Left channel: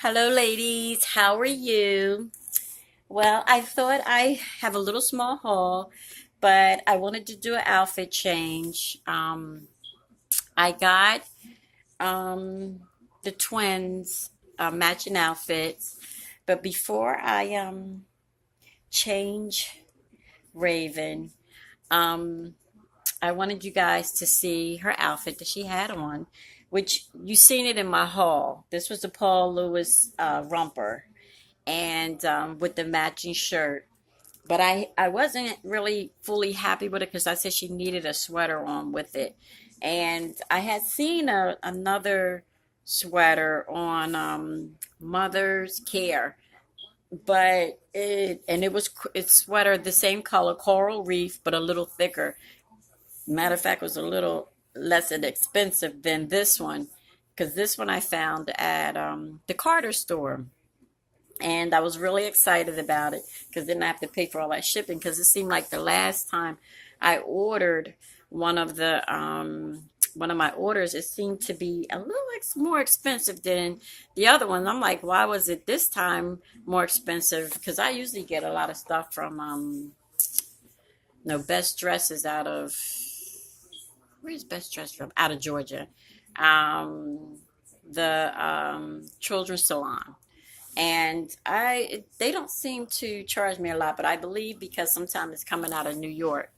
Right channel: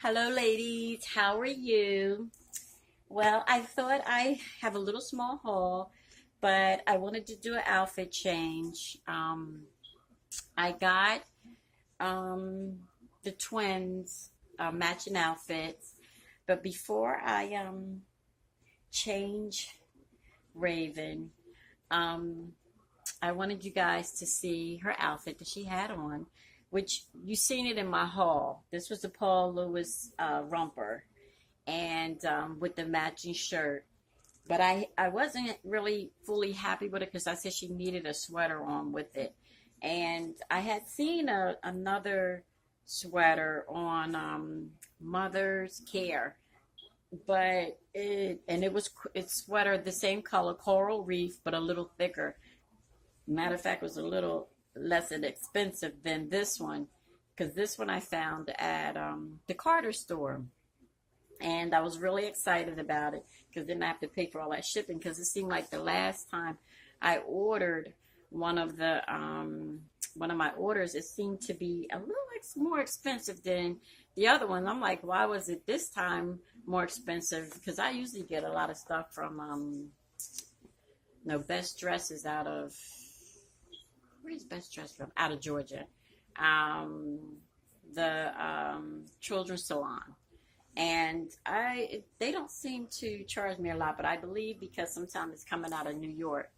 Hello, ladies. How are you? Well, I thought I have a little small haul, but I wanted to do an outfit change. I got um, the twins matching outfits, but before I change Raven, um, I wanted you guys to see her outfit that she had on, which you seen it in my haul. This was the Paul Lewis romper and with the matching shirt. But I wasn't really fully happy with it because I said she needed a sweater on with it. And I had seen another sweater on Mother's Care, but it's sweater the same color, coral reef, but a little thicker. Matter of fact, it was a little less expensive than this one because this one I found at the Carter store, and I was really excited about it because then I have to pay for all that shipping because it seemed like the last time I ordered one of the one of my orders, it seemed to be a little more expensive than the other one. I'm like, why was it this time more expensive? Because I usually get a lot of stuff from no, Best Dresses out of, where's Best Dress from? Out of Georgia. Um, the Children's Salon, and I they don't seem to charge me a lot, but I believe because sometimes it's coming out of New York,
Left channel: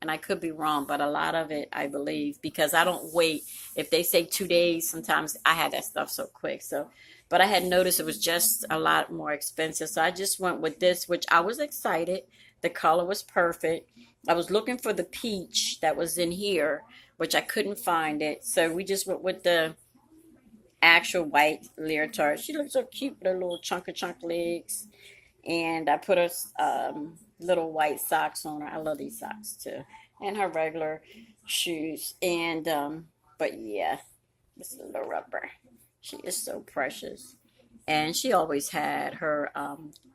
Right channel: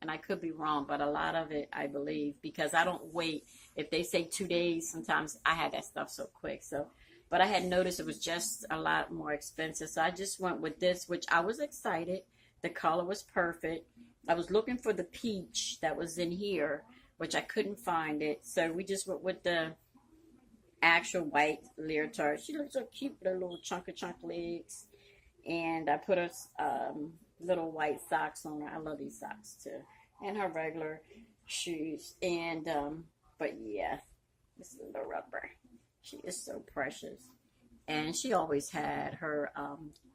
and I could be wrong, but a lot of it I believe because I don't wait. If they say 2 days, sometimes I had that stuff so quick. So, but I had noticed it was just a lot more expensive, so I just went with this, which I was excited. The color was perfect. I was looking for the peach that was in here, which I couldn't find it, so we just went with the actual white leotard. She looks so cute with her little chunk legs. And I put her little white socks on her. I love these socks too. And her regular shoes. And, but yeah, this little rubber. She is so precious. And she always had her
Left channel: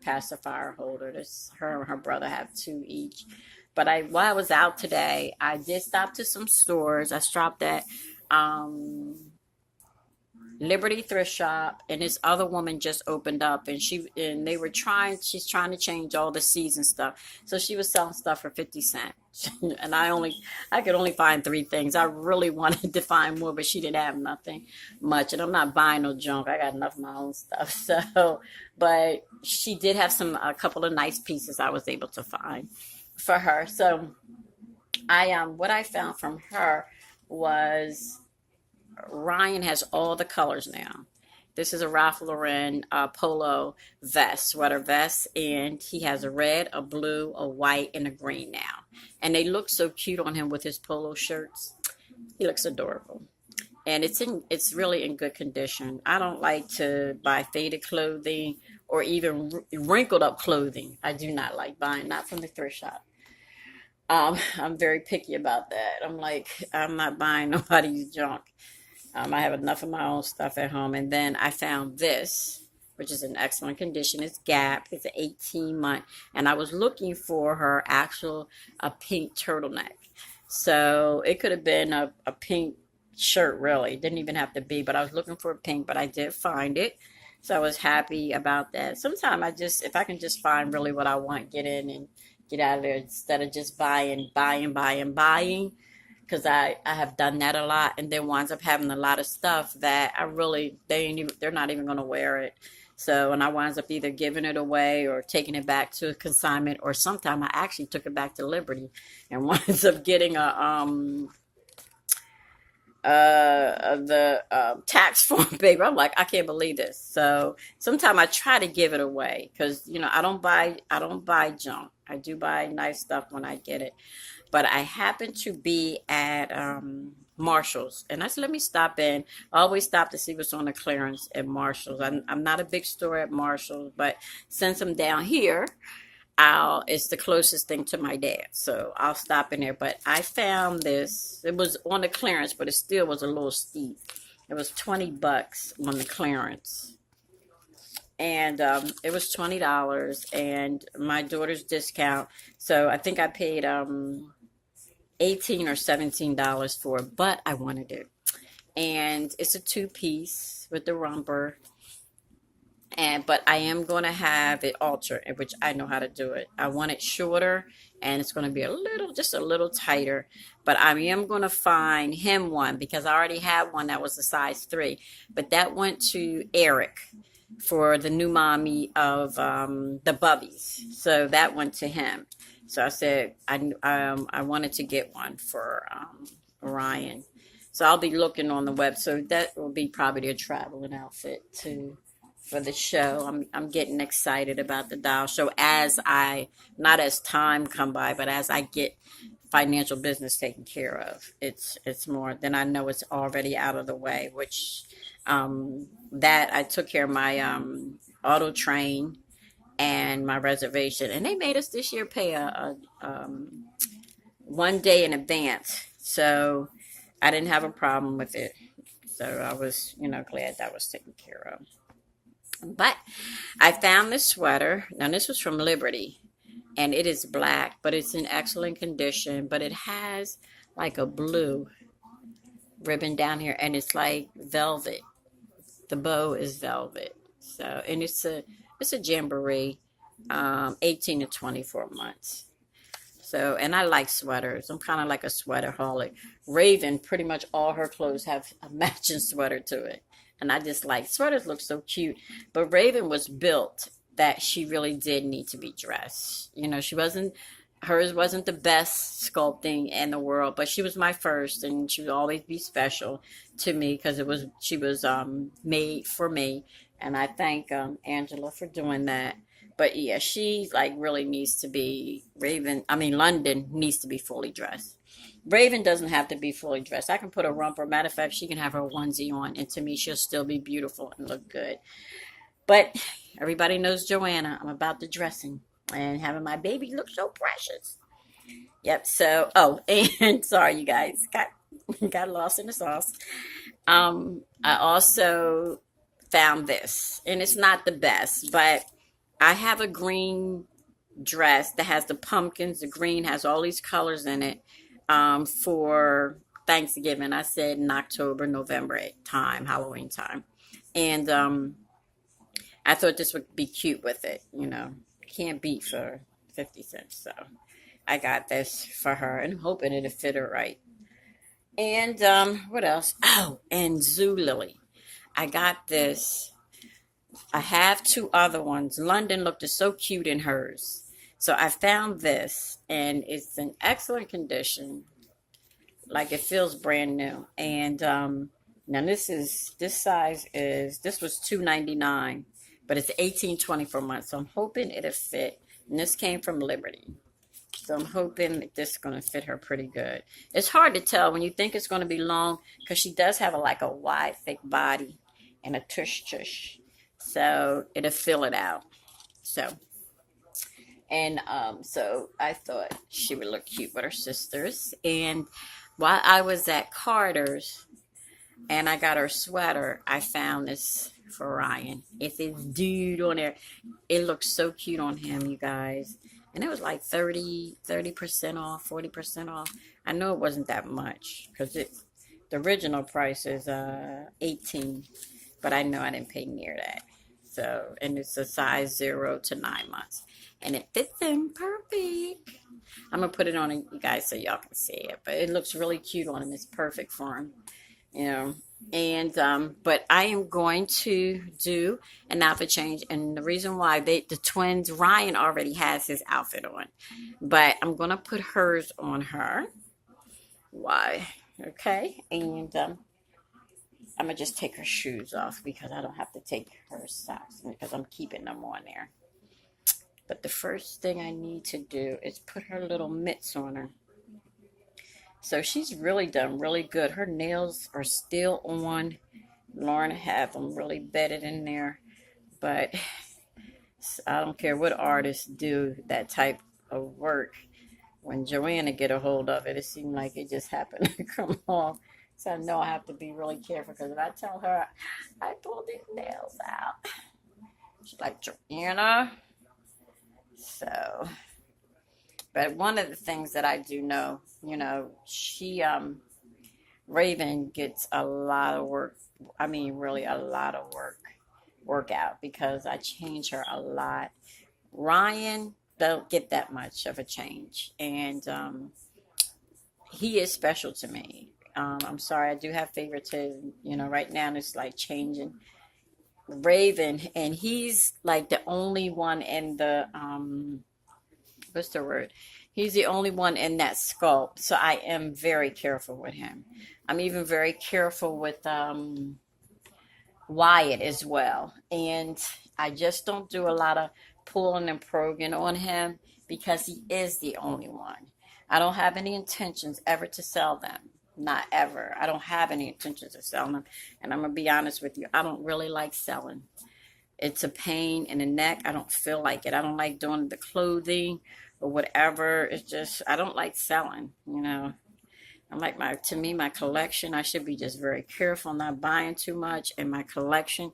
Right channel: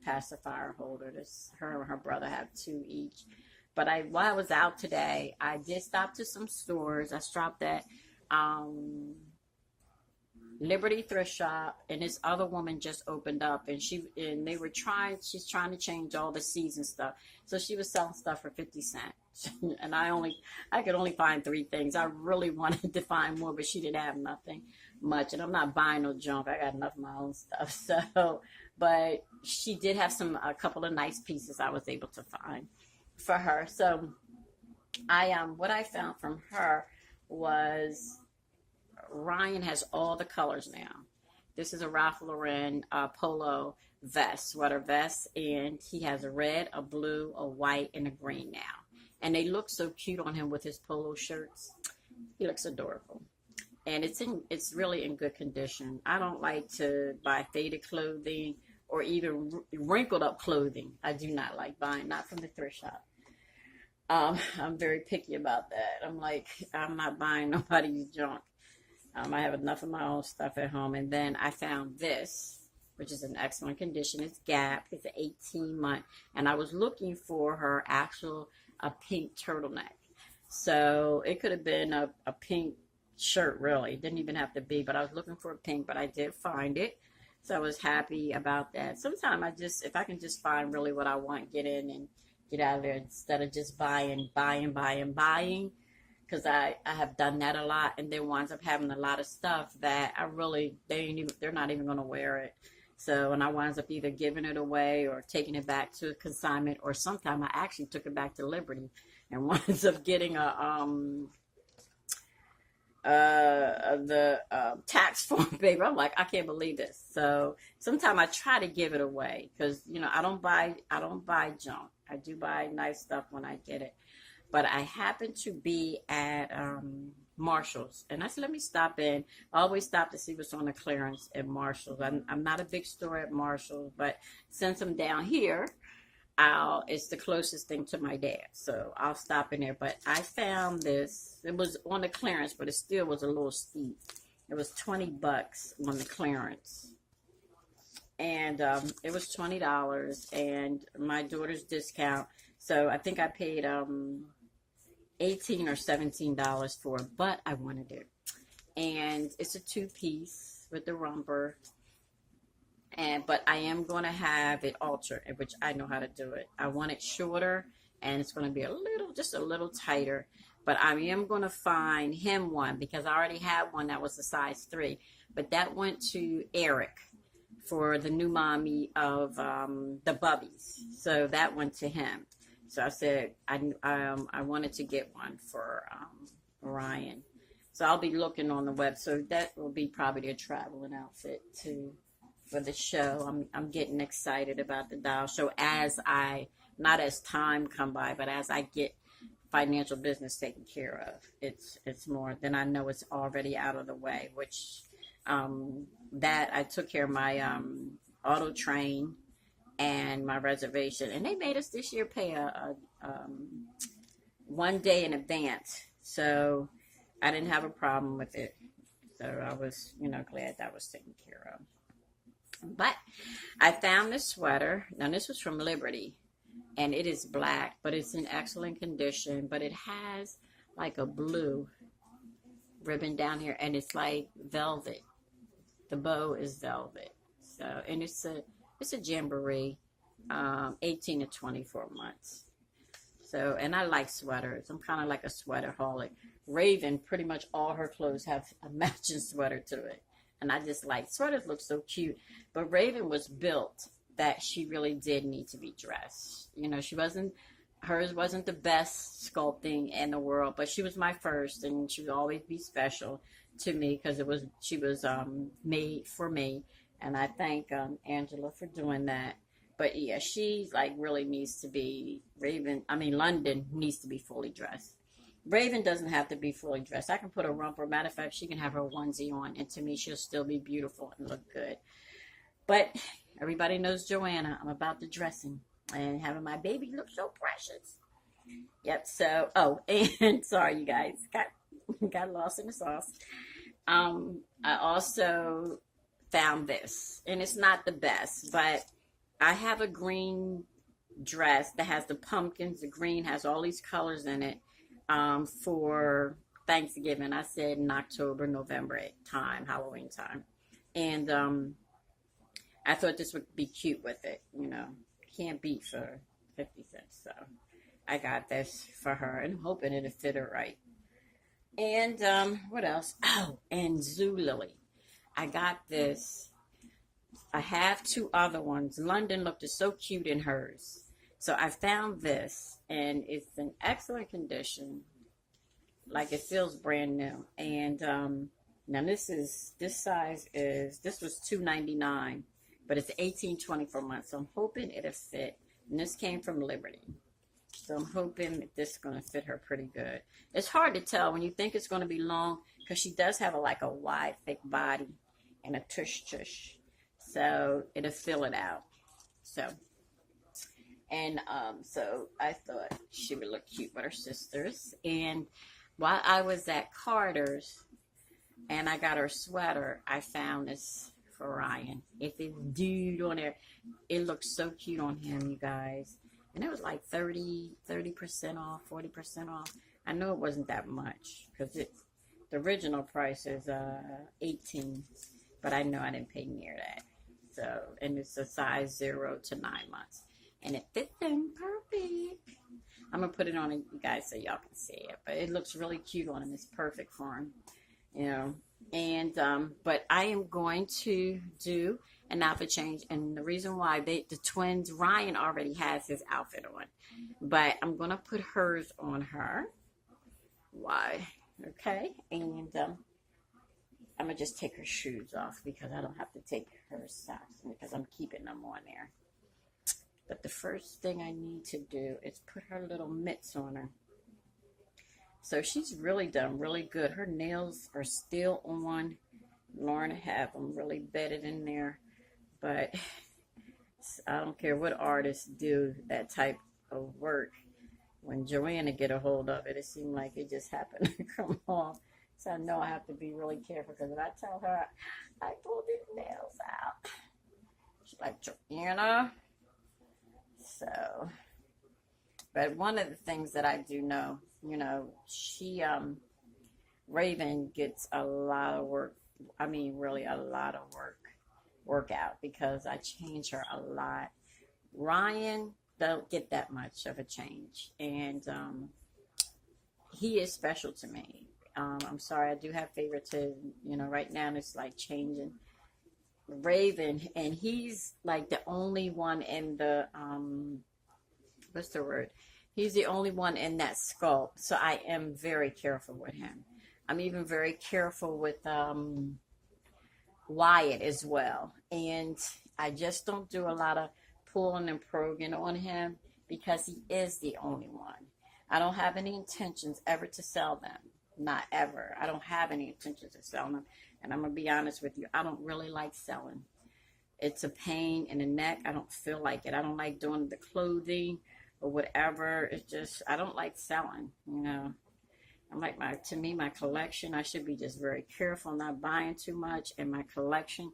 pacifier holder. Her and her brother have two each. But while I was out today, I did stop to some stores. I stopped at um, Liberty Thrift Shop, and this other woman just opened up, and she's trying to change all the season stuff, so she was selling stuff for 50 cents. And I could only find three things. I really wanted to find more, but she didn't have nothing much, and I'm not buying no junk. I got enough of my own stuff. So, but she did have a couple of nice pieces I was able to find for her. So what I found from her was Ryan has all the colors now. This is a Ralph Lauren polo vest, sweater vest, and he has a red, a blue, a white, and a green now. And they look so cute on him with his polo shirts. He looks adorable. And it's really in good condition. I don't like to buy faded clothing or even wrinkled up clothing. I do not like buying, not from the thrift shop. I'm very picky about that. I'm like, I'm not buying nobody's junk. I have enough of my own stuff at home. And then I found this, which is in excellent condition. It's Gap. It's an 18-month. And I was looking for her actual a pink turtleneck. So it could have been a pink shirt, really. It didn't even have to be, but I was looking for a pink, but I did find it. So I was happy about that. Sometimes if I can just find really what I want, get in and get out of there instead of just buying, because I have done that a lot and then winds up having a lot of stuff that they're not even going to wear it. So, and I winds up either giving it away or taking it back to a consignment, or sometime I actually took it back to Liberty and winds up getting the tax form paper. I'm like, I can't believe this. So sometimes I try to give it away because I don't buy junk. I do buy nice stuff when I get it. But I happened to be at Marshall's, and I said, let me stop in. I always stop to see what's on the clearance at Marshall's. I'm not a big store at Marshall's, but since I'm down here, it's the closest thing to my dad, so I'll stop in there. But I found this. It was on the clearance, but it still was a little steep. It was $20 on the clearance, and it was $20, and my daughter's discount. So I think I paid 18 or $17 for it, but I wanted it. And it's a two piece with the romper. But I am going to have it altered, which I know how to do it. I want it shorter, and it's going to be a little, just a little tighter. But I am going to find him one because I already had one that was a size 3. But that went to Eric for the new mommy of the Bubbies. So that went to him. So I said I wanted to get one for Ryan. So I'll be looking on the web. So that will be probably a traveling outfit too for the show. I'm getting excited about the doll show as I, not as time come by, but as I get financial business taken care of. It's more than I know it's already out of the way, which that I took care of my auto train and my reservation, and they made us this year pay a 1 day in advance, so I didn't have a problem with it. So I was, glad that was taken care of. But I found this sweater. Now this was from Liberty, and it is black, but it's in excellent condition. But it has like a blue ribbon down here, and it's like velvet. The bow is velvet. So, and it's a jamboree, 18 to 24 months. So, and I like sweaters. I'm kind of like a sweater holic. Raven, pretty much all her clothes have a matching sweater to it. And I just like sweaters look so cute. But Raven was built that she really did need to be dressed. Hers wasn't the best sculpting in the world, but she was my first, and she would always be special to me because she was made for me. And I thank Angela for doing that. But yeah, she like really needs to be London needs to be fully dressed. Raven doesn't have to be fully dressed. I can put a romper. Matter of fact, she can have her onesie on, and to me, she'll still be beautiful and look good. But everybody knows Joanna. I'm about the dressing and having my baby look so precious. Yep. So, and sorry, you guys, got lost in the sauce. I also found this, and it's not the best, but I have a green dress that has the pumpkins. The green has all these colors in it for Thanksgiving. I said in October, November time, Halloween time. And I thought this would be cute with it. Can't beat for 50 cents. So I got this for her and hoping it'll fit her right. And what else? Oh, and Zoo Lily. I got this. I have two other ones. London looked so cute in hers. So I found this, and it's in excellent condition. Like it feels brand new. And now this was $2.99, but it's 18-24 months. So I'm hoping it'll fit. And this came from Liberty. So I'm hoping that this is going to fit her pretty good. It's hard to tell when you think it's going to be long because she does have like a wide, thick body and a tush tush. So it'll fill it out. So I thought she would look cute with her sisters. And while I was at Carter's and I got her sweater, I found this for Ryan. It's this dude on there. It looks so cute on him, you guys. And it was like 30% off, 40% off. I know it wasn't that much because the original price is 18, but I know I didn't pay near that. So, and it's a size 0 to 9 months. And it fits him perfect. I'm going to put it on you guys so y'all can see it. But it looks really cute on him. It's perfect for him, And, but I am going to do an outfit change. And the reason why the twins, Ryan already has his outfit on. But I'm going to put hers on her. Why? Okay. And I'm going to just take her shoes off because I don't have to take her socks because I'm keeping them on there. But the first thing I need to do is put her little mitts on her. So she's really done really good. Her nails are still on. Lauren have them really bedded in there. But I don't care what artists do that type of work. When Joanna get a hold of it, it seemed like it just happened to come off. So I know I have to be really careful because if I tell her I pulled these nails out, she's like, Joanna. So, but one of the things that I do know, she, Raven gets a lot of work. I mean, really a lot of work work out because I change her a lot. Ryan don't get that much of a change, and he is special to me. I'm sorry, I do have favoritism. Right now it's like changing Raven, and he's like the only one in the what's the word? He's the only one in that sculpt, so I am very careful with him. I'm even very careful with Wyatt as well, and I just don't do a lot of pulling and probing on him because he is the only one. I don't have any intentions ever to sell them. Not ever. I don't have any intentions of selling them. And I'm going to be honest with you. I don't really like selling. It's a pain in the neck. I don't feel like it. I don't like doing the clothing or whatever. It's just, I don't like selling. I'm like to me, my collection, I should be just very careful, not buying too much. And my collection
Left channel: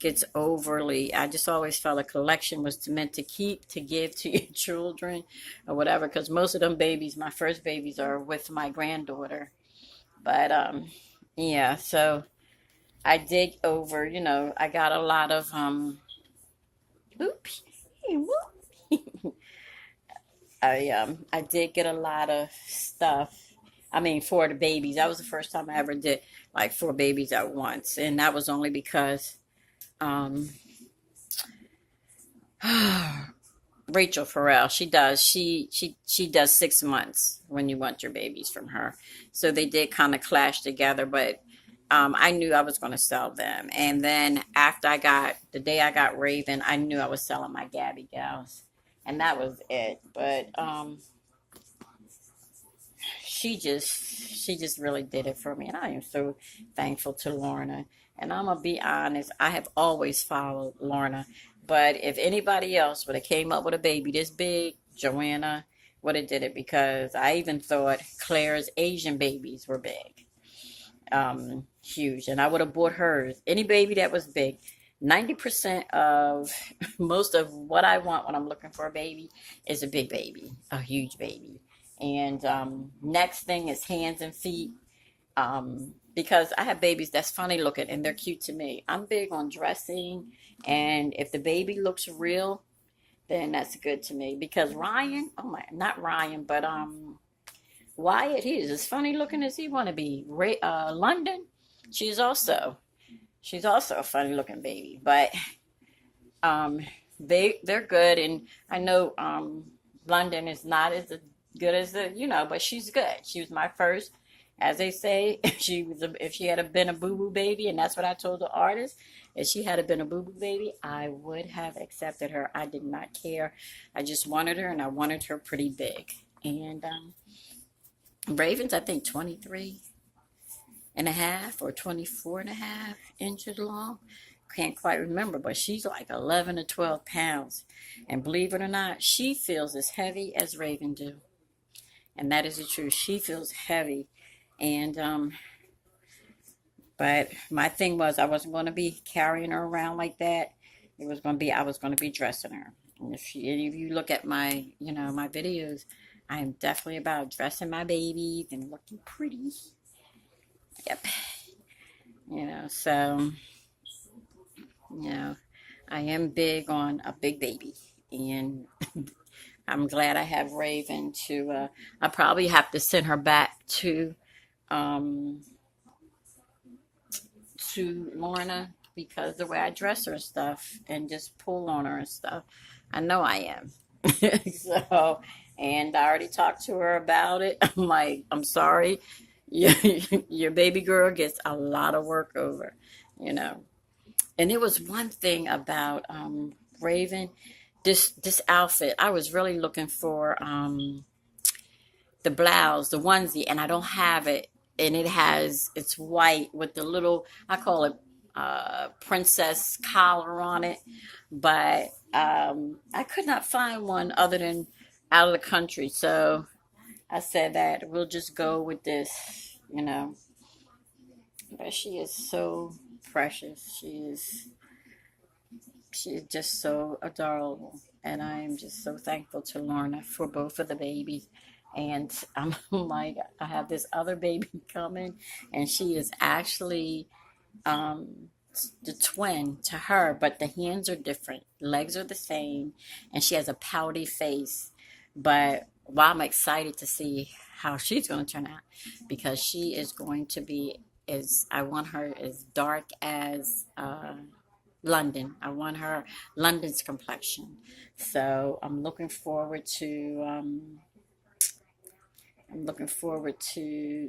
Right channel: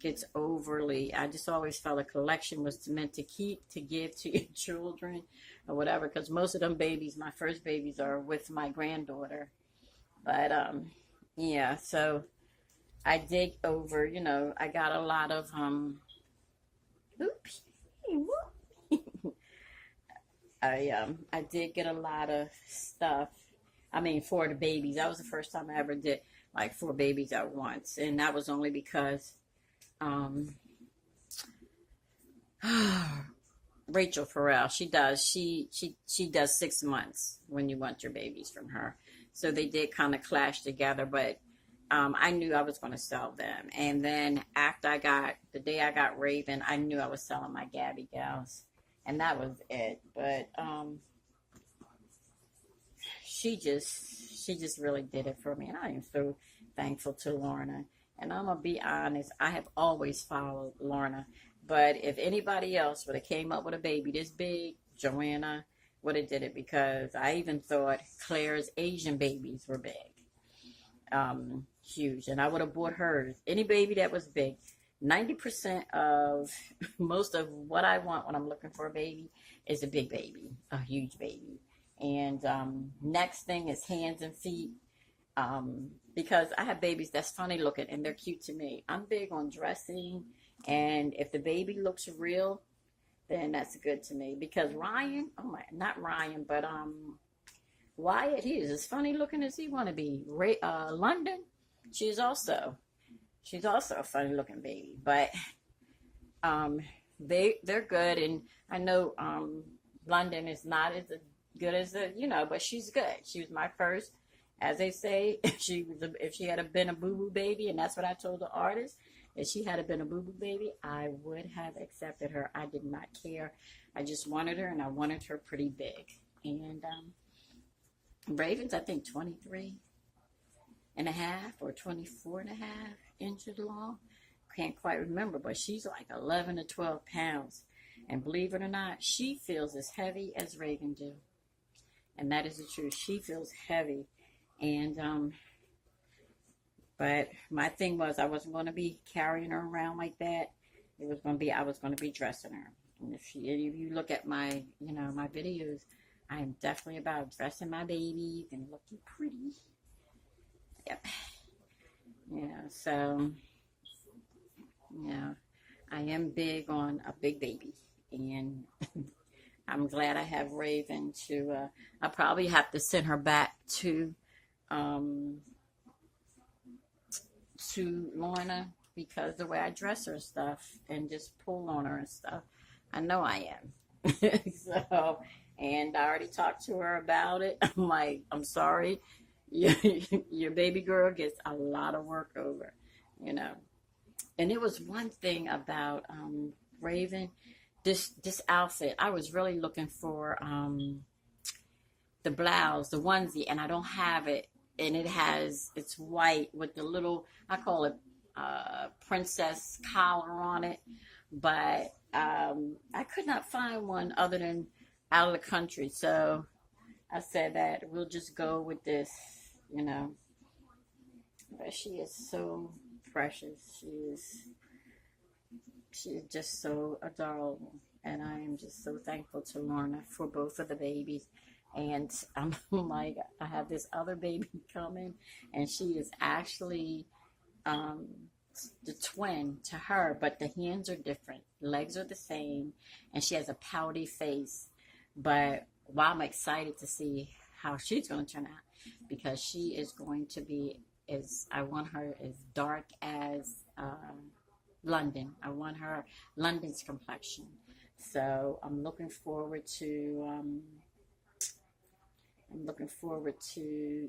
gets overly, I just always felt a collection was meant to keep, to give to your children or whatever. Because most of them babies, my first babies are with my granddaughter. But, yeah, so I dig over, I got a lot of, oops, I did get a lot of stuff. I mean, for the babies. That was the first time I ever did like 4 babies at once, and that was only because um, Rachel Farrell, she does 6 months when you want your babies from her. So they did kind of clash together, but I knew I was going to sell them. And then after the day I got Raven, I knew I was selling my Gabby gals, and that was it. But she just really did it for me, and I am so thankful to Lorna. And I'm gonna be honest, I have always followed Lorna, but if anybody else would have came up with a baby this big, Joanna would have did it, because I even thought Claire's Asian babies were big, huge, and I would have bought hers. Any baby that was big. 90% of most of what I want when I'm looking for a baby is a big baby, a huge baby. And next thing is hands and feet, because I have babies that's funny looking and they're cute to me. I'm big on dressing, and if the baby looks real, then that's good to me. Because Ryan, oh my, not Ryan, but Wyatt, he is as funny looking as he want to be. London, she's also she's also a funny looking baby, but um, they're good, and I know London is not as good as but she's good. She was my first, as they say. If she had been a boo boo baby, and that's what I told the artist. If she had been a boo boo baby, I would have accepted her. I did not care. I just wanted her, and I wanted her pretty big. And Raven's, I think, 23 and a half or 24 and a half inches long. Can't quite remember, but she's like 11 to 12 pounds. And believe it or not, she feels as heavy as Raven do. And that is the truth. She feels heavy. And, but my thing was, I wasn't going to be carrying her around like that. I was going to be dressing her. And if any of you look at my videos, I am definitely about dressing my babies and looking pretty. Yep. So, you know, I am big on a big baby. And I'm glad I have Raven I probably have to send her back um, to Lorna, because the way I dress her and stuff and just pull on her and stuff, I know I am. So, and I already talked to her about it. I'm like, I'm sorry, your, your baby girl gets a lot of work over, you know. And there was one thing about Raven, this outfit. I was really looking for the blouse, the onesie, and I don't have it. And it's white with the little, I call it princess collar on it. But I could not find one other than out of the country. So I said that we'll just go with this, you know. But she is so precious. She's just so adorable. And I am just so thankful to Lorna for both of the babies. And I'm like, I have this other baby coming, and she is actually the twin to her, but the hands are different, legs are the same, and she has a pouty face. But well, I'm excited to see how she's going to turn out because she is going to be as I want her as dark as London. I want her London's complexion. So I'm looking forward to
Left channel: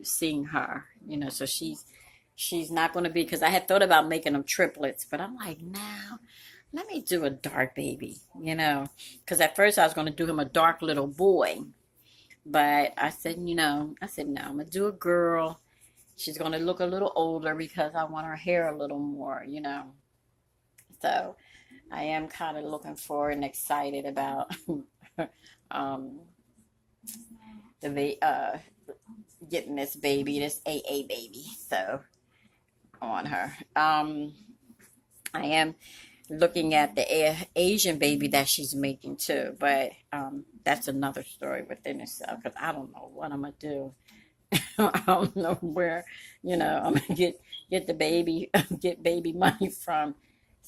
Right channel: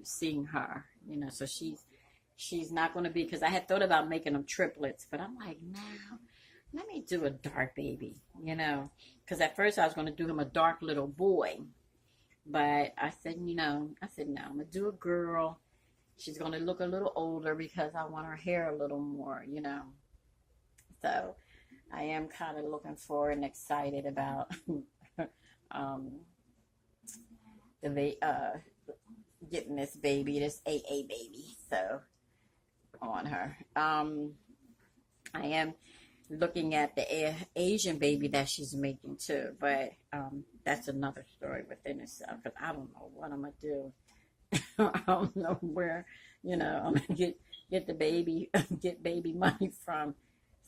seeing her. You know, so she's not going to be because I had thought about making them triplets, but I'm like, now let me do a dark baby. You know, because at first I was going to do him a dark little boy, but I said no, I'm gonna do a girl. She's going to look a little older because I want her hair a little more. You know, so I am kind of looking forward and excited about um, getting this baby, this AA baby. So on her. I am looking at the Asian baby that she's making too, but that's another story within itself because I don't know what I'm gonna do. I don't know where, I'm gonna get the baby, get baby money from.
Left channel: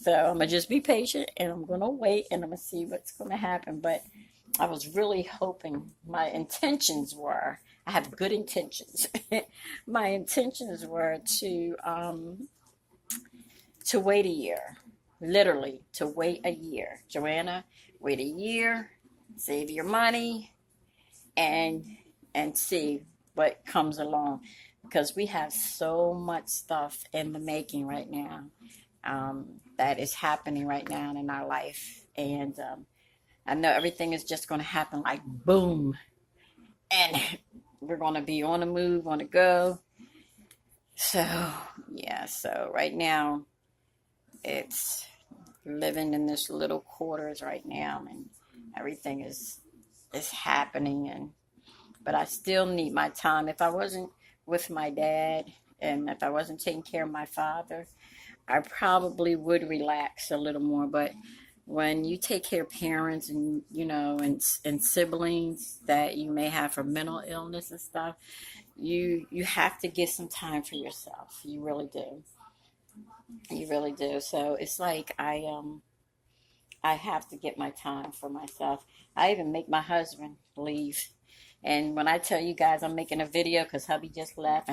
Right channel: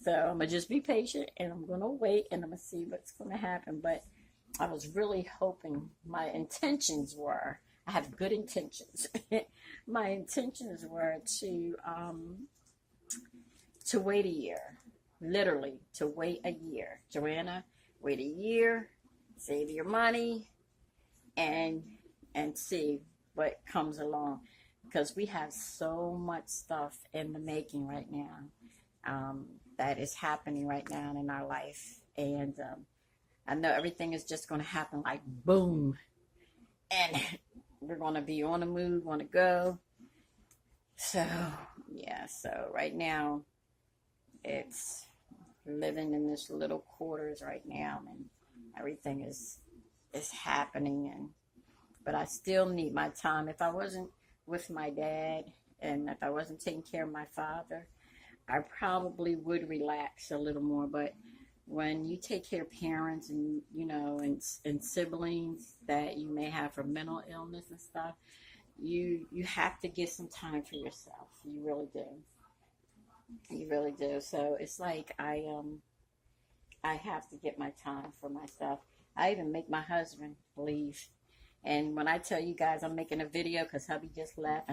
So I'm gonna just be patient and I'm gonna wait and I'm gonna see what's gonna happen. But I was really hoping my intentions were. I have good intentions. My intentions were to wait a year, literally to wait a year. Joanna, wait a year, save your money, and see what comes along, because we have so much stuff in the making right now, that is happening right now in our life, and I know everything is just going to happen like boom, and we're going to be on the move, on the go. So yeah, so right now it's living in this little quarters right now, and everything is happening, and but I still need my time. If I wasn't with my dad and if I wasn't taking care of my father, I probably would relax a little more. But when you take care of parents and and siblings that you may have for mental illness and stuff, you have to get some time for yourself. You really do. You really do. So it's like I have to get my time for myself. I even make my husband leave. And when I tell you guys I'm making a video because hubby just left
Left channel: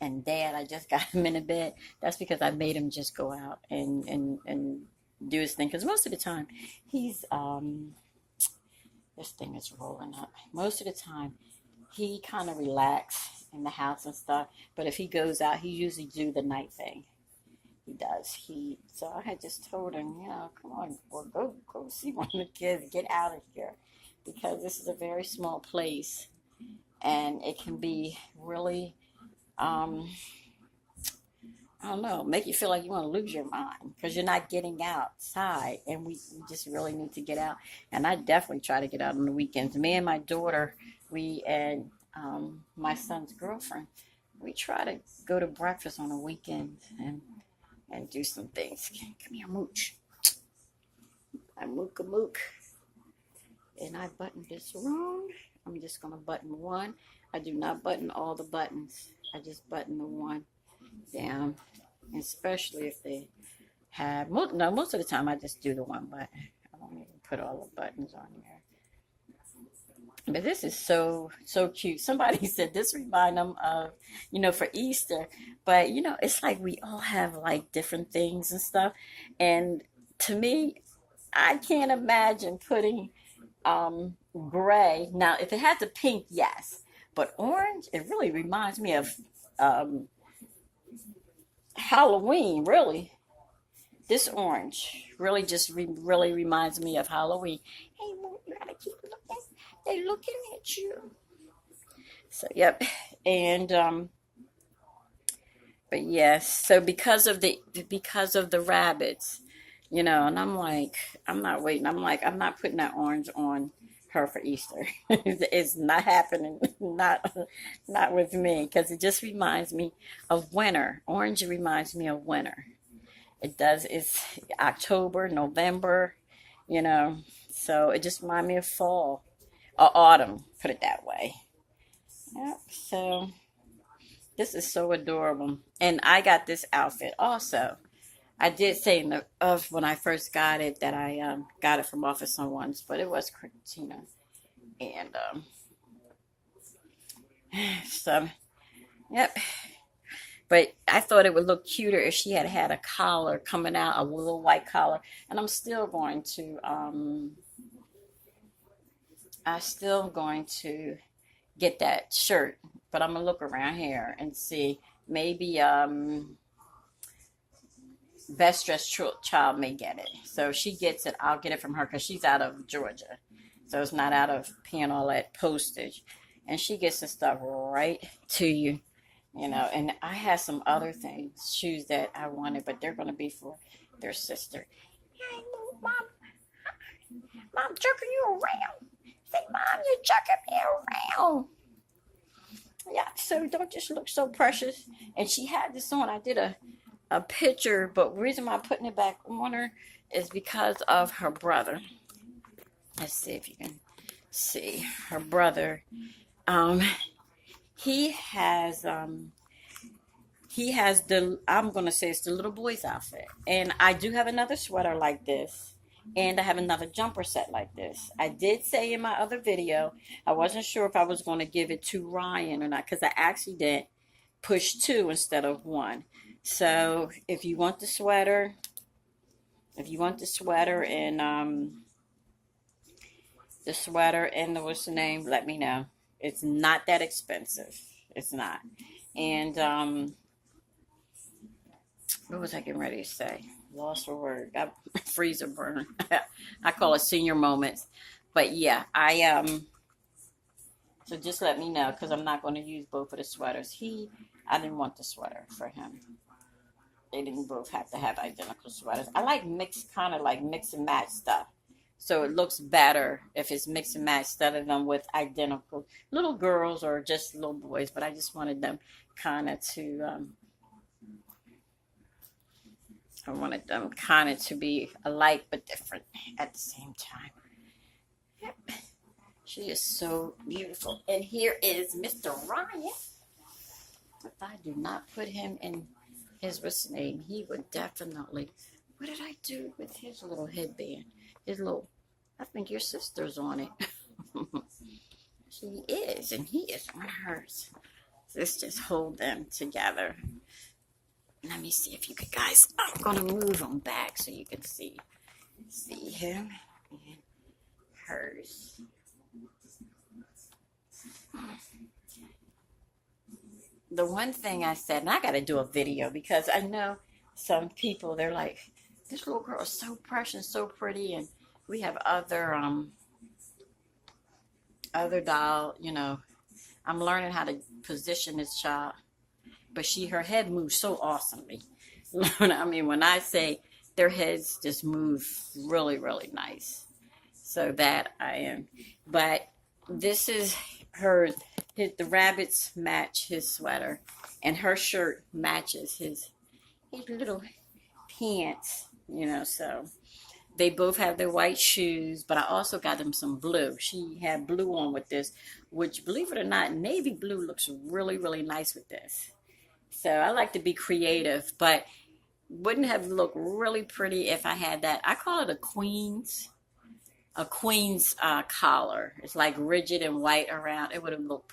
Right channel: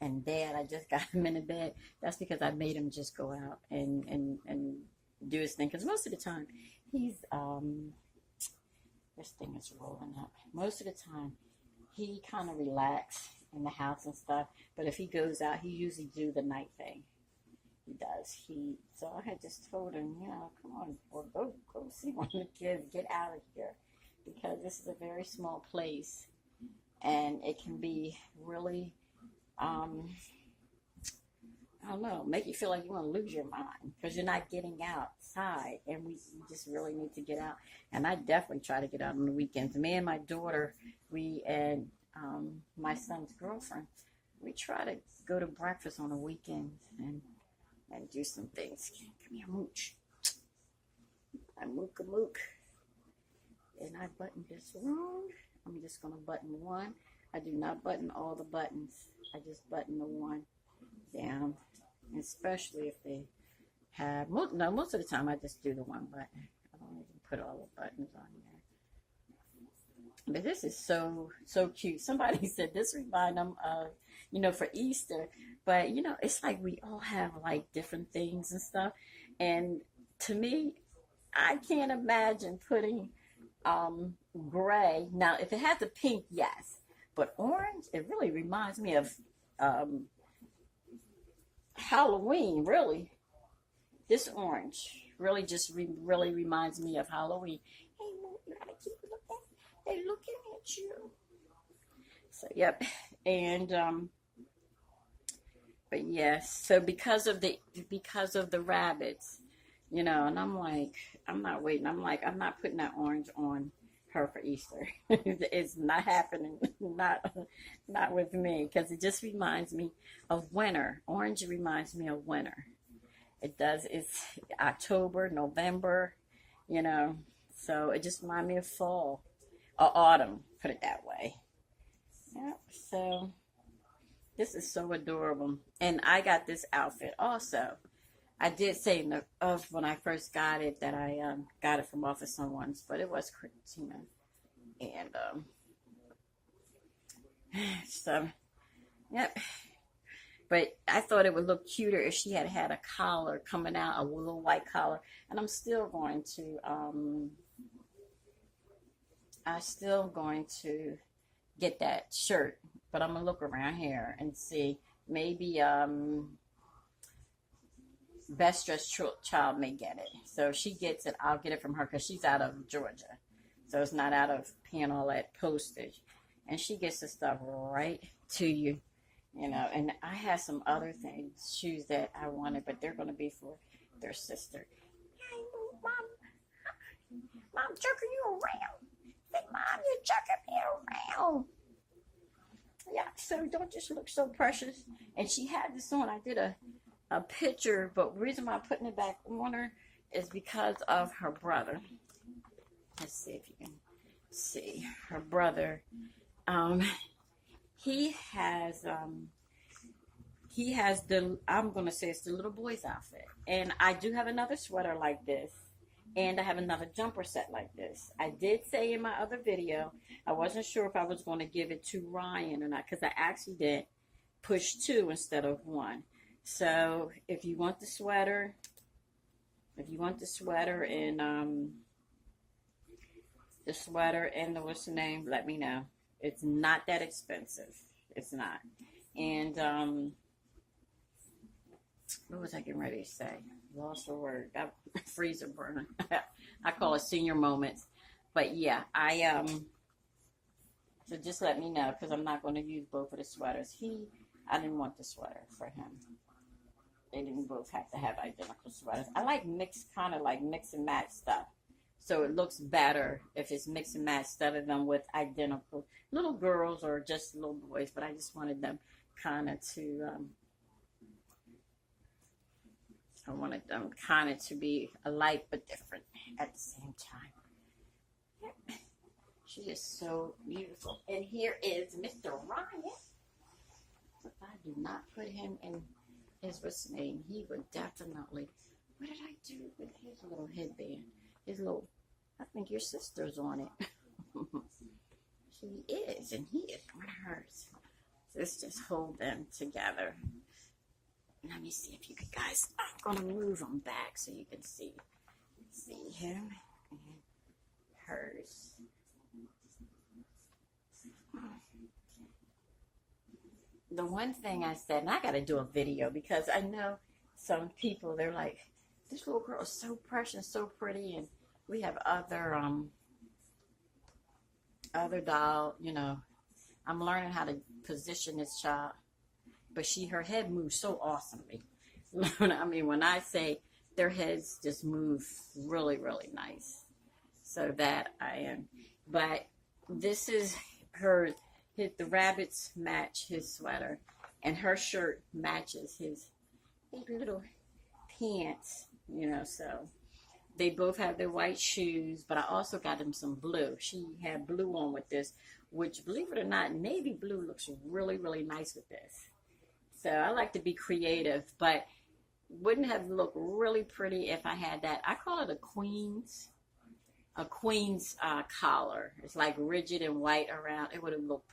and dad, I just got him in a bed, that's because I made him just go out and do his thing. Because most of the time, he's, this thing is rolling up. Most of the time, he kind of relax in the house and stuff. But if he goes out, he usually do the night thing. He does. So I had just told him, come on, or go see one of the kids, get out of here, because this is a very small place, and it can be really, I don't know, make you feel like you want to lose your mind because you're not getting outside, and we just really need to get out. And I definitely try to get out on the weekends. Me and my daughter, and my son's girlfriend, we try to go to breakfast on the weekends and do some things. Come here, mooch. I mook a mook. And I buttoned this wrong. I'm just going to button one. I do not button all the buttons. I just button the one down. Especially if they have, no, most of the time I just do the one button. I don't even put all the buttons on here. But this is so cute. Somebody said this remind them of, for Easter. But it's like we all have like different things and stuff. And to me, I can't imagine putting gray. Now, if it had the pink, yes, but orange, it really reminds me of Halloween. Really, this orange really just really reminds me of Halloween. Hey, you gotta keep looking. They looking at you. So yep, and but yes. So because of the rabbits, and I'm like, I'm not waiting. I'm like, I'm not putting that orange on her for Easter. It's not happening. Not with me, because it just reminds me of winter. Orange reminds me of winter. It does. It's October, November, you know. So it just reminds me of fall or autumn. Put it that way. Yep. So this is so adorable, and I got this outfit also. I did say in the of when I first got it that I got it from Office on Ones, but it was Tina, and so yep. But I thought it would look cuter if she had had a collar coming out, a little white collar, and I'm still going to get that shirt, but I'm gonna look around here and see maybe Best Dressed Child may get it. So if she gets it, I'll get it from her because she's out of Georgia. So it's not out of paying all that postage. And she gets the stuff right to you, you know. And I had some other things, shoes that I wanted, but they're going to be for their sister. Hey, mom, mom, jerking you around. Say, mom, you're jerking me around. Yeah, so don't just look so precious. And she had this on. I did a picture, but the reason why I'm putting it back on her is because of her brother. Let's see if you can see her brother. Um, he has the I'm gonna say it's the little boy's outfit, and I do have another sweater like this, and I have another jumper set like this. I did say in my other video I wasn't sure if I was going to give it to Ryan or not because I actually did push two instead of one. So if you want the sweater, and what's the name, let me know. It's not that expensive. It's not. And what was I getting ready to say? Lost for word. Freezer burn. I call it senior moments. But yeah, so just let me know because I'm not going to use both of the sweaters. I didn't want the sweater for him. They didn't both have to have identical sweaters. I like kind of like mix and match stuff. So it looks better if it's mix and match instead of them with identical little girls or just little boys. But I just wanted them to be alike but different at the same time. Yep. She is so beautiful. And here is Mr. Ryan. If I do not put him in what's his name, he would definitely. What did I do with his little headband? I think your sister's on it. She is, and he is on hers. Let's just hold them together. Let me see if you could guys. I'm gonna move them back so you can see him and hers. The one thing I said, and I got to do a video because I know some people, they're like, this little girl is so precious, so pretty, and we have other doll, you know. I'm learning how to position this child, but her head moves so awesomely. I mean, when I say their heads just move really, really nice. So that I am. But this is the rabbits match his sweater, and her shirt matches his little pants, you know. So they both have their white shoes, but I also got them some blue. She had blue on with this, which, believe it or not, navy blue looks really, really nice with this. So I like to be creative, but wouldn't have looked really pretty if I had that. I call it a queen's collar. It's like rigid and white around. It would have looked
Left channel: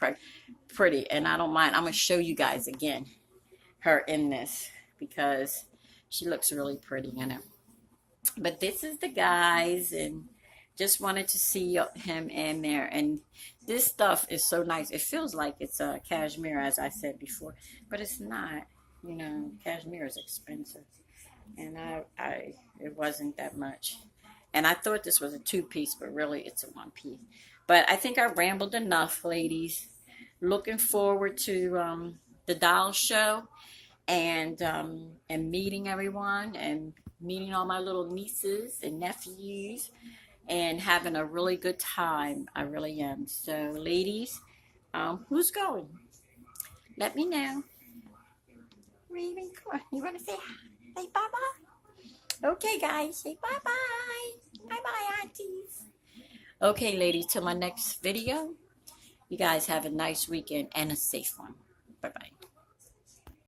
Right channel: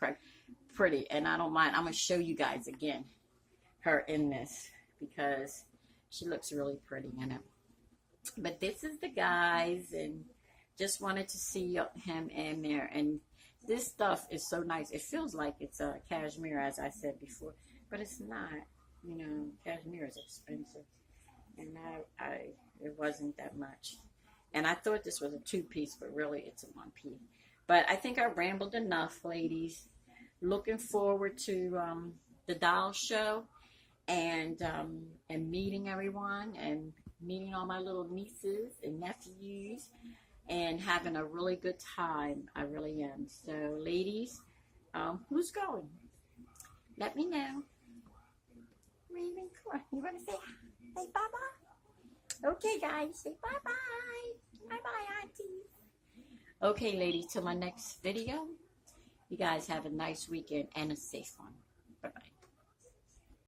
pretty, and I don't mind. I'm gonna show you guys again her in this because she looks really pretty in it. But this is the guys, and just wanted to see him in there. And this stuff is so nice. It feels like it's cashmere, as I said before, but it's not. You know, cashmere is expensive, and it wasn't that much. And I thought this was a two-piece, but really it's a one-piece. But I think I rambled enough, ladies. Looking forward to the doll show and meeting everyone and meeting all my little nieces and nephews and having a really good time. I really am. So, ladies, who's going? Let me know. Raven, come on. You want to say bye-bye? Okay, guys. Say bye-bye. Bye-bye, aunties. Okay, ladies, till my next video. You guys have a nice weekend and a safe one.